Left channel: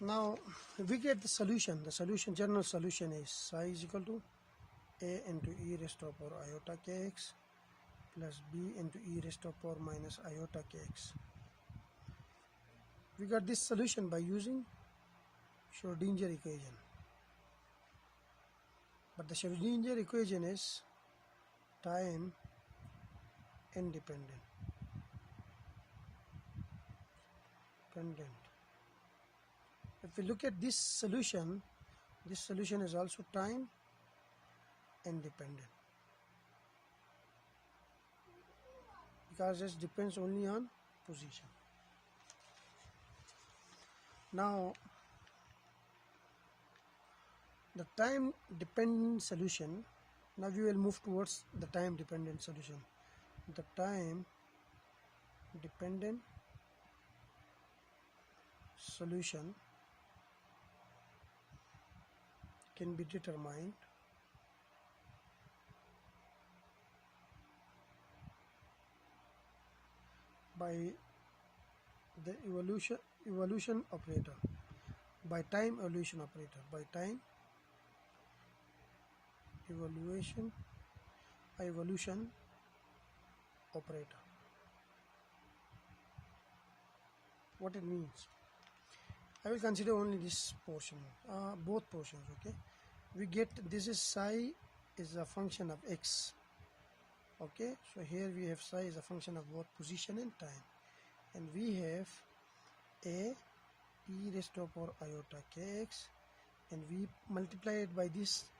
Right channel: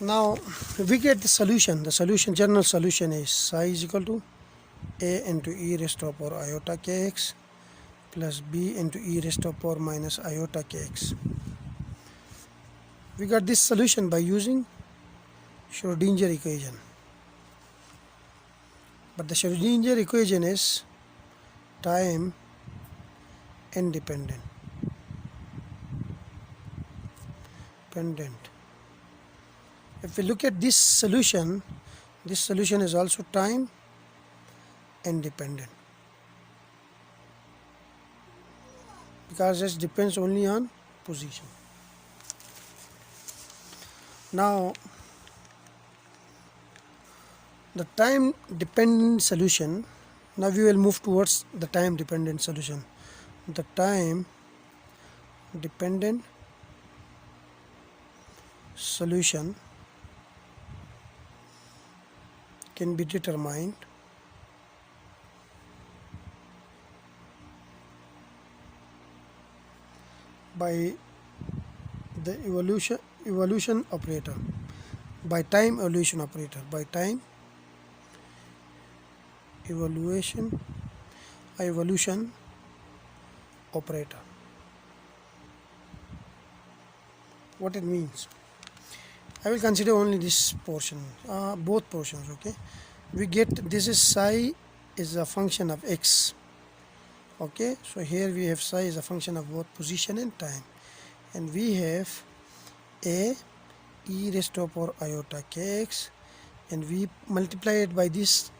Now we get the solution. The solution, general solution, is psi is equal to a into e raised to the power iota kx plus b into e raised to the power minus iota kx. We got this solution by using Schrodinger equation. But the Schrodinger equation is time independent. If we look at this solution is also time independent because it depends only on position. Now the time dependent solution, now we will move towards the time dependent solution. The time dependent solution can be determined by the evolution operator, by time evolution operator, by time evolution operator. What it means, I will consider only this portion, both portions. Okay, we get this is psi is a function of x. Okay, so here we have psi is a function of both position and time, and we have a e raised to the power iota kx, and we multiply it by this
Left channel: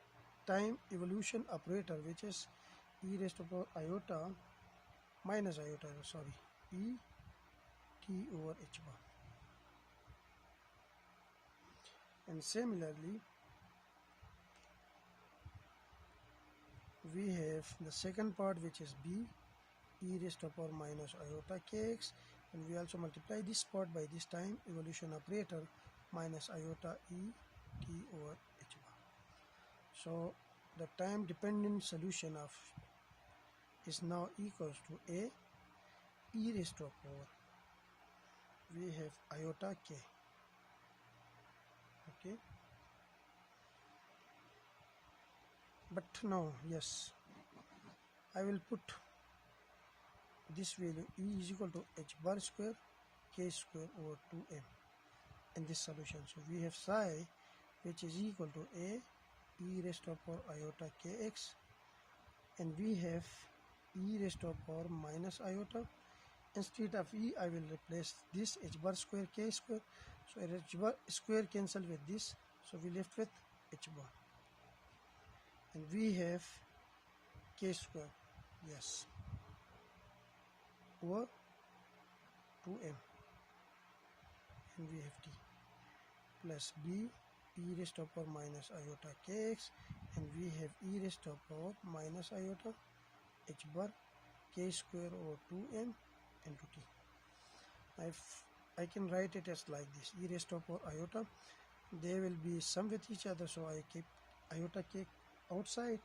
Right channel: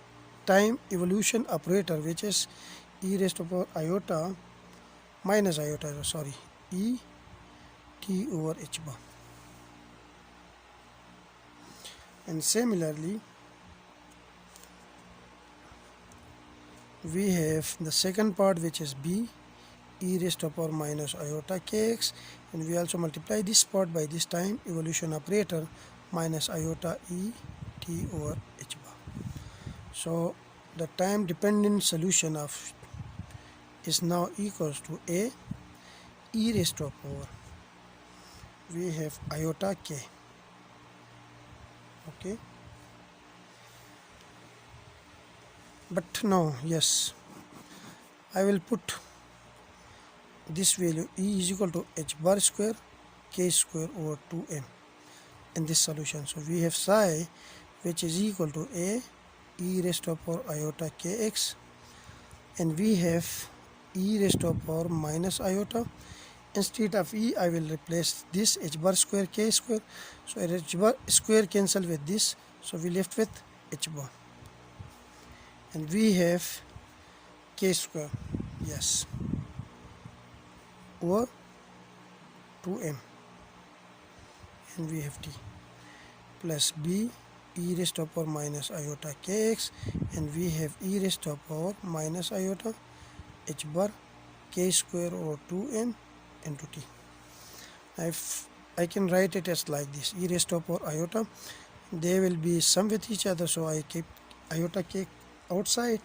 time evolution operator, which is e raised to the power iota minus iota, e t over h bar. And similarly we have the second part, which is b e raised to the power minus iota kx, and we also multiply this part by this time evolution operator minus iota e t over h bar. So the time dependent solution of is now equals to a e raised to the power, we have iota k. Okay, but now yes, I will put this value e is equal to h bar square k square over 2m in this solution. So we have psi which is equal to a e raised to the power iota kx, and we have e raised to the power minus iota. Instead of e, I will replace this h bar square k square, so h bar square cancel with this, so we left with h bar, and we have k square, yes, over 2m, and we have t plus b e raised to the power minus iota kx, and we have e raised to the power minus iota h bar k square over 2m into t. If I can write it as like this, e raised to the power iota, they will be sum with each other, so I keep iota k outside.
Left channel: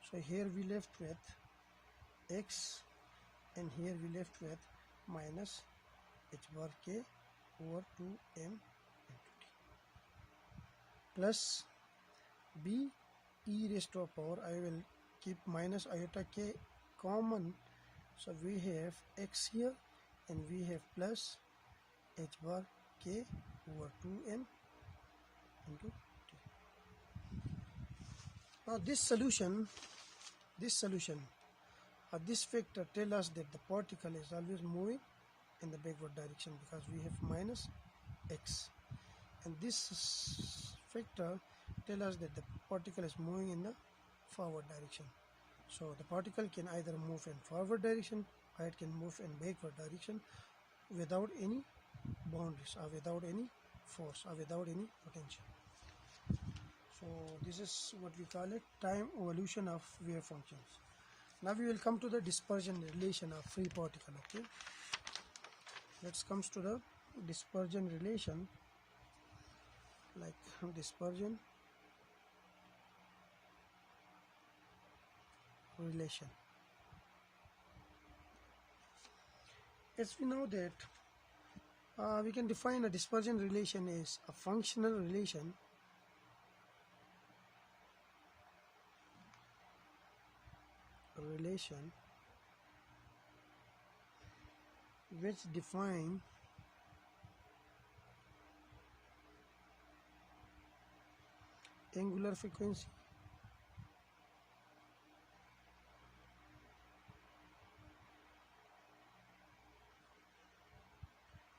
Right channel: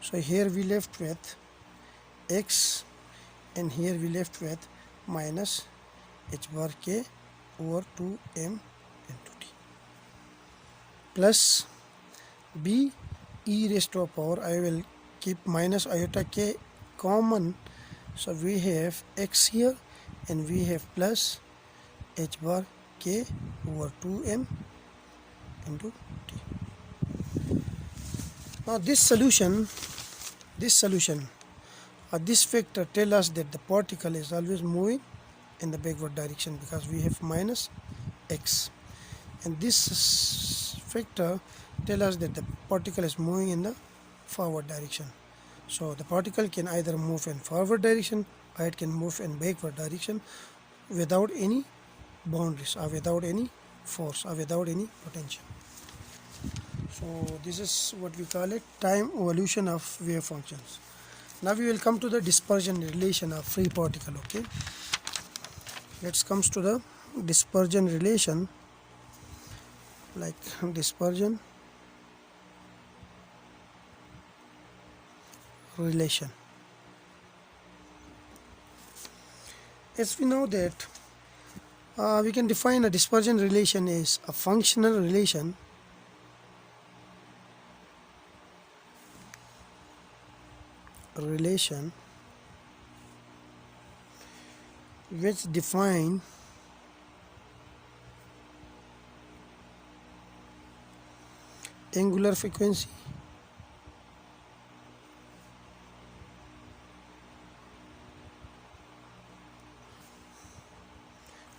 So here we left with x, and here we left with minus h bar k over 2m into t plus b e raised to the power, I will keep minus iota k common, so we have x here, and we have plus h bar k over 2m into t. Now this solution or this factor tell us that the particle is always moving in the backward direction because we have minus x, and this factor tell us that the particle is moving in the forward direction. So the particle can either move in forward direction or it can move in backward direction without any boundaries or without any force or without any potential. So this is what we call it, time evolution of wave functions. Now we will come to the dispersion relation of free particle. Okay, let's come to the dispersion relation, like dispersion relation. As we know that We can define a dispersion relation as a functional relation which define angular frequency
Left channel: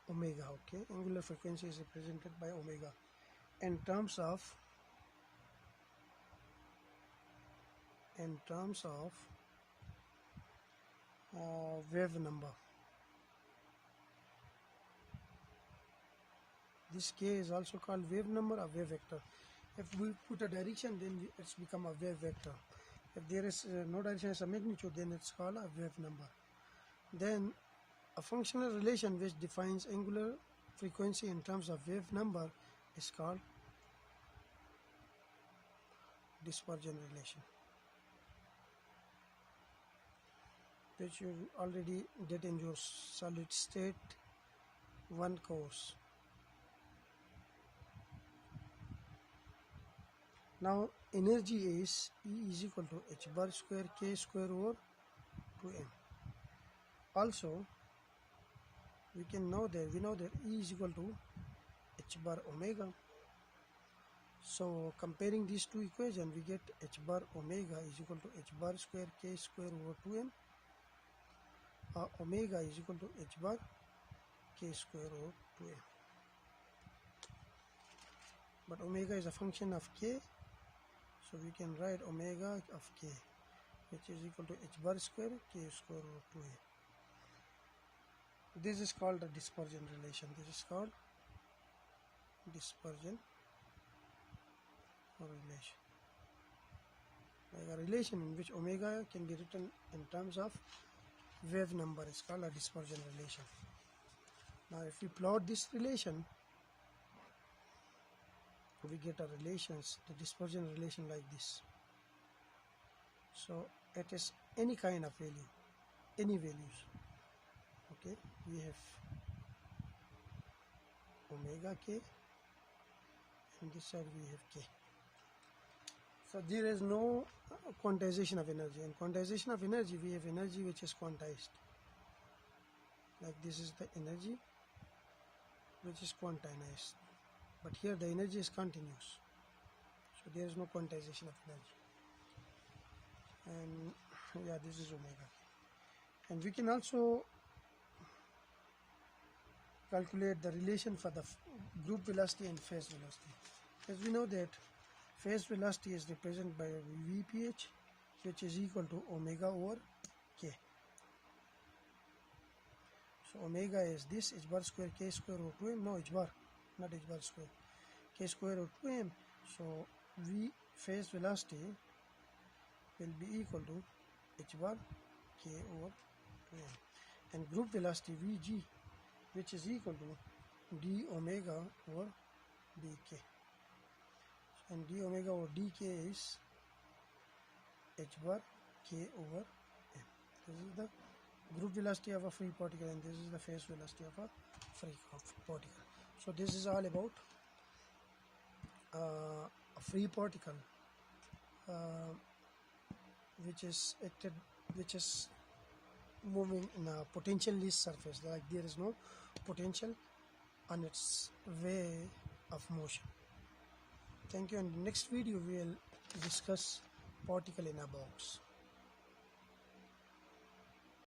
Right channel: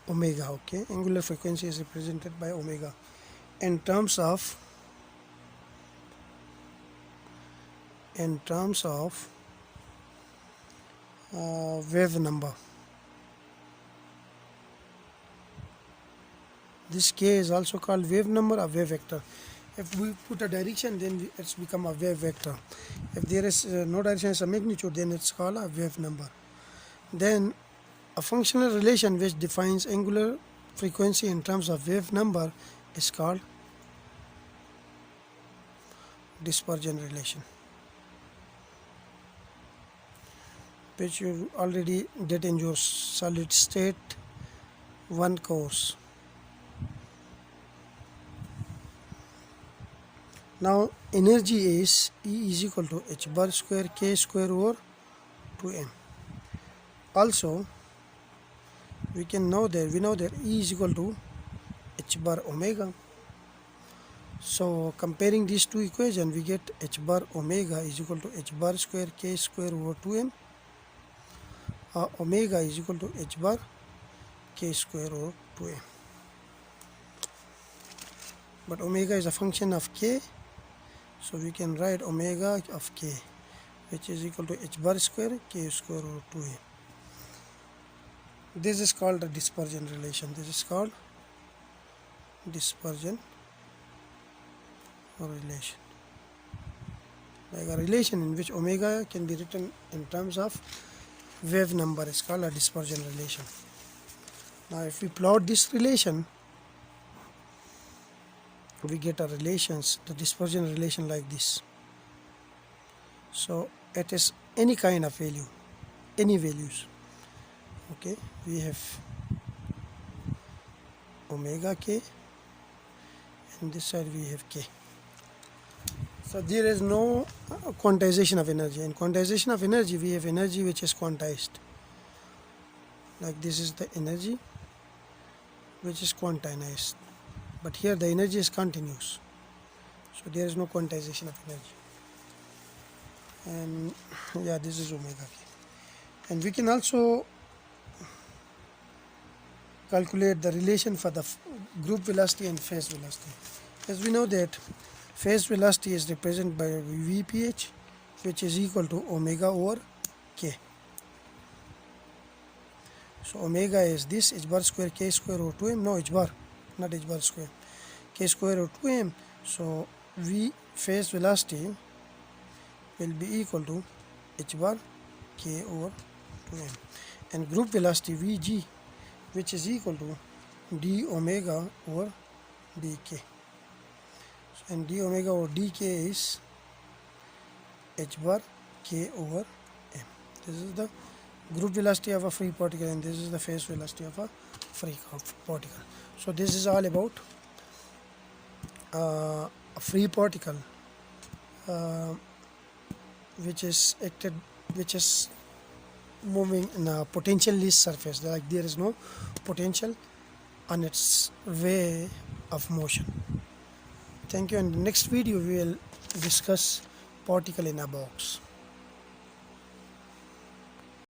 omega. Okay, angular frequency is represented by omega in terms of wave number. This k is also called wave number or wave vector. If we put a direction, then it's become a wave vector. If there is no direction as a magnitude, then it's called a wave number. Then a functional relation which defines angular frequency in terms of wave number is called dispersion relation, which you already did in your solid state 1 course. Now energy is E is equal to h bar square k square over 2m. Also we know that E is equal to h bar omega. So comparing these two equations, we get h bar omega is equal to h bar square k square over 2m. Omega is equal to h bar k square over 2m. But omega is a function of k, so we can write omega of k, which is equal to h bar square k square over 2m. This is called a dispersion relation. This is called dispersion relation. Like a relation in which omega can be written in terms of wave number is called a dispersion relation. Now if we plot this relation, we get a the dispersion relation like this. So it is any kind of value, any values. Okay, we have omega k, and this side we have k. So there is no quantization of energy. In quantization of energy, we have energy which is quantized. Like this is the energy which is quantized. But here the energy is continuous. So there is no quantization of energy. And yeah, this is omega k. And we can also calculate the relation for the group velocity and phase velocity. As we know that phase velocity is represented by Vph, which is equal to omega over k. So omega is this h bar square k square over 2m. No, h bar, not h bar square, k square over 2m. So V phase velocity will be equal to h bar k over 2m, and group velocity Vg, which is equal to d omega over dk. And d omega over dk is h bar k over m. This is the group velocity of a free particle, and this is the phase velocity of a free particle. So this is all about a free particle which is moving in a potential-less surface. Like there is no potential on its way of motion. Thank you. In the next video we will discuss particle in a box.